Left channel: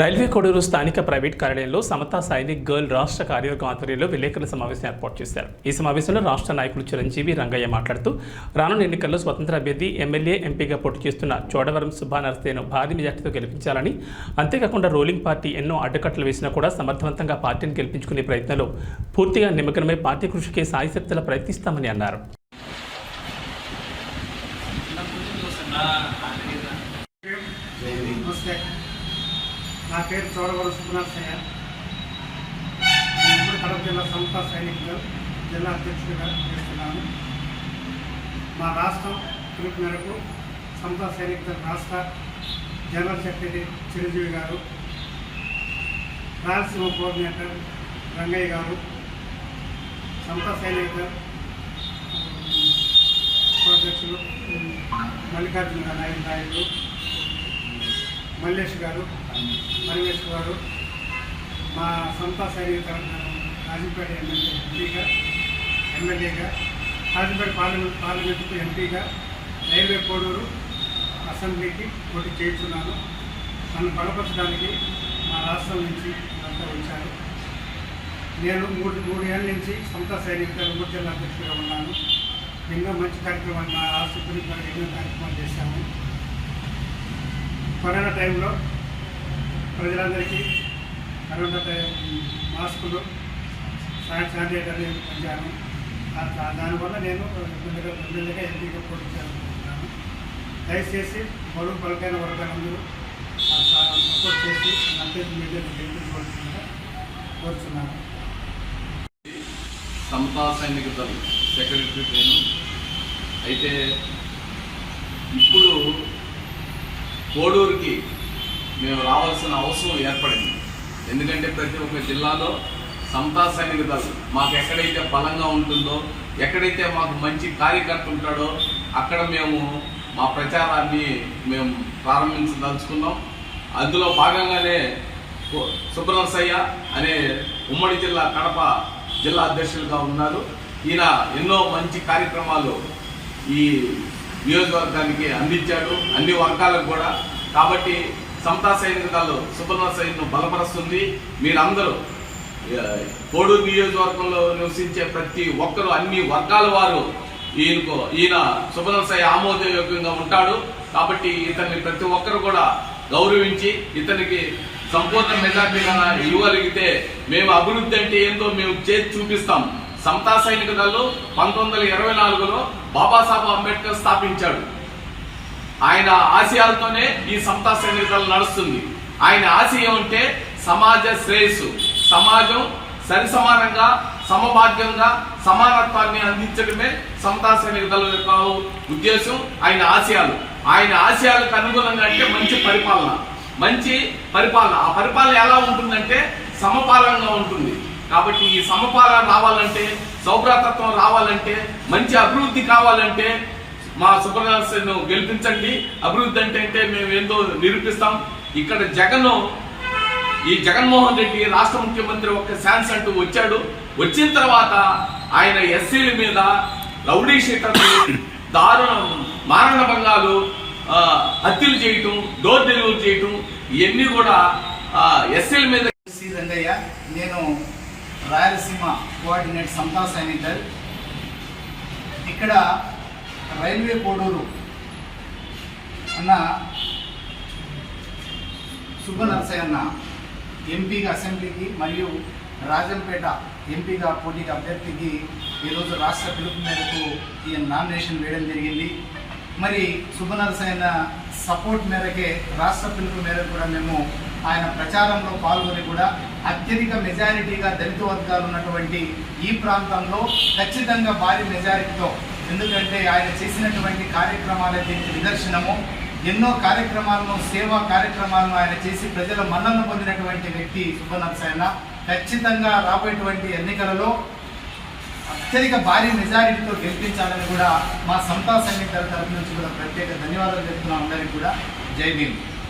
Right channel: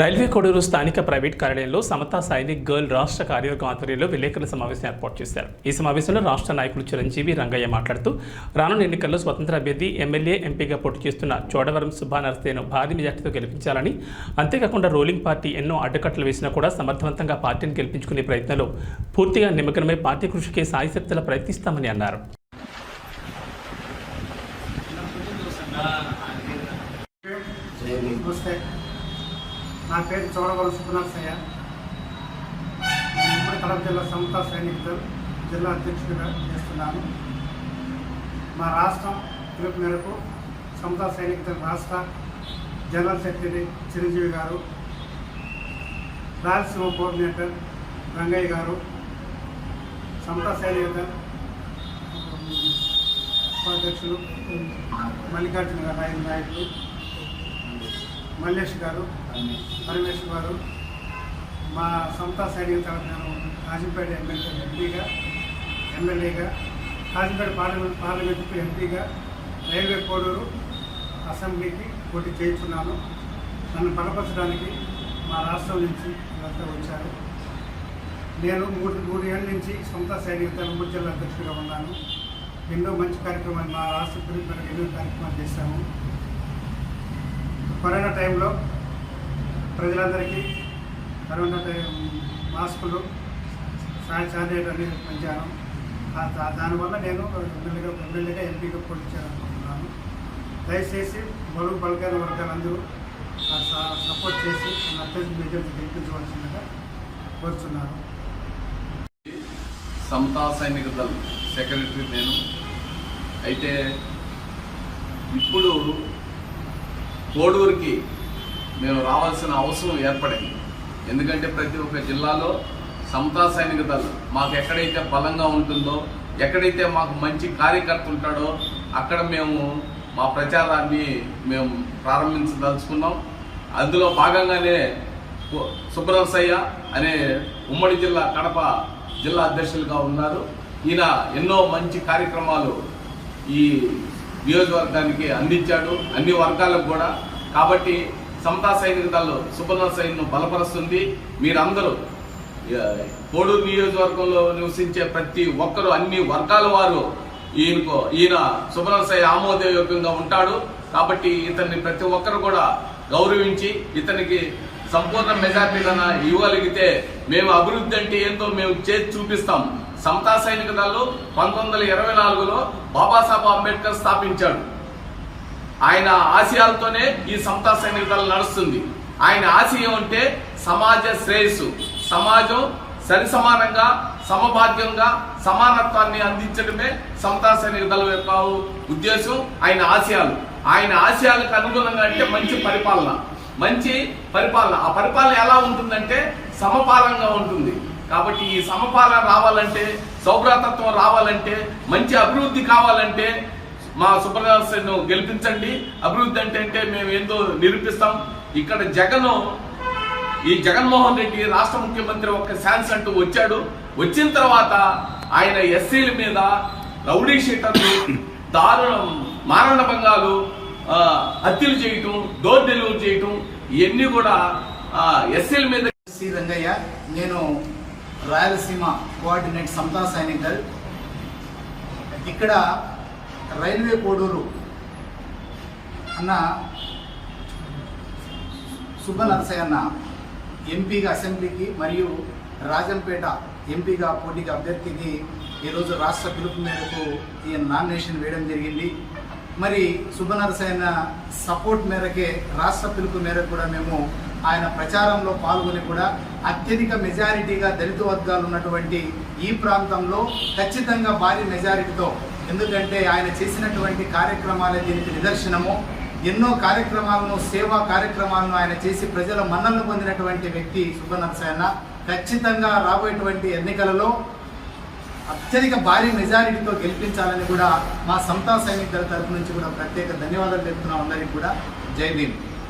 Railway Koduru స్థానిక private కార్యాలయంలో సమతా Sainik girl రాష్ట్ర కార్యవర్గం ఆధ్వర్యంలో విలేకరుల సమావేశం ఏర్పాటు చేశారు. ఈ సమావేశంలో రాష్ట్ర నాయకులు చిరంజీవి రంగయ్య మాట్లాడుతూ రానున్న ఎన్నికల్లో స్వతంత్ర అభ్యర్థి ఎమ్మెల్యే ఎంపీగా పోటీ చేస్తున్న చోడవరం సుభానర్సేను భారీ మెజార్టీతో గెలిపించాలని అంతేకాకుండా రోలింగ్ పార్టీ ఎన్నో అడ్డకట్టలు వేసినా కూడా సమర్థవంతంగా పార్టీని గెలిపించుకునే ప్రయత్నంలో పూర్తిగా నిమగ్నమై పార్టీ కృషికి సాయశక్తుల ప్రయత్నిస్తామని అన్నారు. నమస్తే నా పేరు చోడవల సుబ్బనరసయ్య నేను ఇప్పుడు కడప జిల్లా సమతా సైనికులు జిల్లా అధ్యక్షుడిగా చేస్తున్నాను. మా రాష్ట్రం పిలుపు మేరకు సమతా సైనికుల రాష్ట్ర జనరల్ సెక్రటరీ చిరంజీవి గారు రాయలసీమ కోఆర్డినేటర్ రంగయ్య గారు సమతా సైనికులు ఉపాధ్యక్షులు మల్లికార్జున నాయుడు నాయకులు మల్లేష్ గారు పరమేష్ గారు మా సొంత సైనిక తరఫున రాజంపేట ఎమ్మెల్యే ఎంపీగా ఎమ్మెల్యేగా రాజంపేట పార్లమెంట్ పార్లమెంటుకు ఎంపీగా రైల్వే కోడూరు అసెంబ్లీకి పోటీ చేస్తున్నాను. నన్ను బలపరచడానికి మా రాష్ట్రం నుంచి అంతా వచ్చారు. నేను మూడు మూడు ఏళ్ళ నుంచి సొంత సైనిక ఉమ్మడి జిల్లా అధ్యక్షుడిగా ఉన్నాను. ఎన్నో మంచి కార్యక్రమాలు మా రాష్ట్ర గురించి ఎన్నో కార్యక్రమాలు చేశాము. కరోనా టైంలో ప్రజలందరికీ కరోనా టైం మాస్కులు శానిటైజర్ అనేది పెంచాను. దానివల్ల నేను ఎమ్మెల్యేగా ఎమ్మెల్యేగా ఎంపీగా పోటీ చేయాలనుకుంటున్నాను దయచేసి బరువు పలకైన వర్గాలందరూ స- సపోర్ట్ చేసి అత్యంత మీడియాని గెలిపించవలసిందిగా కోరుతున్నాను సమతా సైనిక దళం సెక్రటరీ నేను. అయితే ఇప్పుడు కోడూరుకి మేము రావాల్సిన అవసరం ఏర్పడింది. ఎందుకంటే ప్రతి ఒక్క జిల్లాలో సమతా సైనిక దళం మాకు ఎక్కడైతే బలంగా ఉంటుందో ఎక్కడైతే మాకు మంచి కార్యకర్త ఉంటాడో అక్కడ మేము మా ప్రచారాన్ని మేము ప్రారంభించదలుచుకున్నాం. అందులో భాగంగానే సుబ్రహ్మసయ్య అనే ఉమ్మడి జిల్లా కడప జిల్లా అధ్యక్షులుగా ఉన్నారు. ఈయన ఎన్నో మంచి కార్యక్రమాలు ఈ నియోజకవర్గానికి అందించాడు అన్ని వర్గాలకు కూడా. కాబట్టి సమతా సైనిక దళం సుబ్రహ్మణ్యను బలపరుస్తుంది. మీరందరూ ఆ, కోడూరు నియోజకవర్గంలో నివసించే ప్రతి ఒక్కరు అన్ని వర్గాల వారు ఈయనకు ఈయన సుబ్రహ్మణ్య ఆమోదయోగ్యంగా ఉంటాడు. కాబట్టి ఇతన్ని ప్రతి ఒక్కరు కూడా గౌరవించి ఇతనికి సంపూర్ణ మెజార్టీ ఇవ్వగలిగితే మేము అభివృద్ధి అంటే ఏంటో మేము చేసి చూపిస్తాం. సమతా సైనిక దళం పంతొమ్మిది వందల ఇరవై నాలుగులో బాబాసాహెబ్ అంబేద్కర్ స్థాపించాడు. ఆయన ఆశయాలతోనే ఈ సమతా సైనిక దళం నడుస్తుంది. ఆయన ఆశయం అంటే సమాజ శ్రేయస్సు. సమాజం సరిసమానంగా సమభాగ్యంగా సమానత్వాన్ని అందించడమే సమతా సైనిక దళం యొక్క ఉద్దేశం ఆయన ఆశయాలు. ఆయన ఆశయాలకు అనుగుణంగా అంటే మంచి పరిపాలన. మంచి పరిపాలన. ఆ పరిపాలన ఎలా ఉంటుందంటే సమపాలనగా ఉంటుంది. కాబట్టి ఈ సమపాలన రావాలంటే సౌభ్రాతత్వం రావాలంటే మంచి అభివృద్ధి కావాలంటే మా సుబ్రహ్మణ్యను గెలిపించండి. అభివృద్ధి అంటే అంటే మేము ఏందో నిరూపిస్తాం. ఇక్కడ జగన్ ఈ జగన్మోహన్ రెడ్డి రాష్ట్ర ముఖ్యమంత్రి ఒక ఛాన్స్ అంటూ వచ్చాడు. వచ్చిన తర్వాత ఆయన ఎస్సీల మీద రౌడీ షీటర్లు దారుణం మారణ భంగాలు హత్యలు చేయటం డోర్ డెలివరీ చేయటం ఇవన్నీ కూడా ఎస్సీల మీద రంగయ్య నేను రాయలసీమ కోఆర్డినేట్ సమతా సైనికల్ ఇక్కడ రైల్వే కోడూరు అన్న సుబ్బనరసయ్య అన్న ఎంపీగా అసెంబ్లీకి మరియు రాజంపేట ఎంపీగా పోటీకి అభ్యర్థికి ఈరోజు రాష్ట్ర పిలుపు మేరకు ఈయన నామినేషన్ వేయడం జరిగింది. మరి సుబ్బనరసయ్య సపోర్ట్ మేరకే రాష్ట్ర పిలుపు మేరకు కూడా మేము ఆయన ప్రచారంలో పాల్గొని కూడా అత్యధిక మెజారిటీగా దళిత వర్గాలు ఉన్నటువంటి ఈ ప్రాంతంలో ఖచ్చితంగా భారీ మెజారిటీతో ఎందుకంటే ఆయన చేసినటువంటి కార్యక్రమాలే దీనికి నిదర్శనము ఎన్నో కార్యక్రమాలను సేవా కార్యక్రమాలను ఆయన చేసి ప్రజల మన్నలను పొందినటువంటి వ్యక్తి సుబ్బనరసయ్య ఖచ్చితంగా రాబోయేటువంటి ఎన్నికలలో అత్యధిక భారీ మెజారిటీతో గెలిపించాలని కూడా మా సంతా సైనికుల తరఫు తరపు నుంచి కూడా ప్రత్యేక ధన్యవాదాలు చెప్తున్నాం అందరికీ కూడా. జై భీమ్.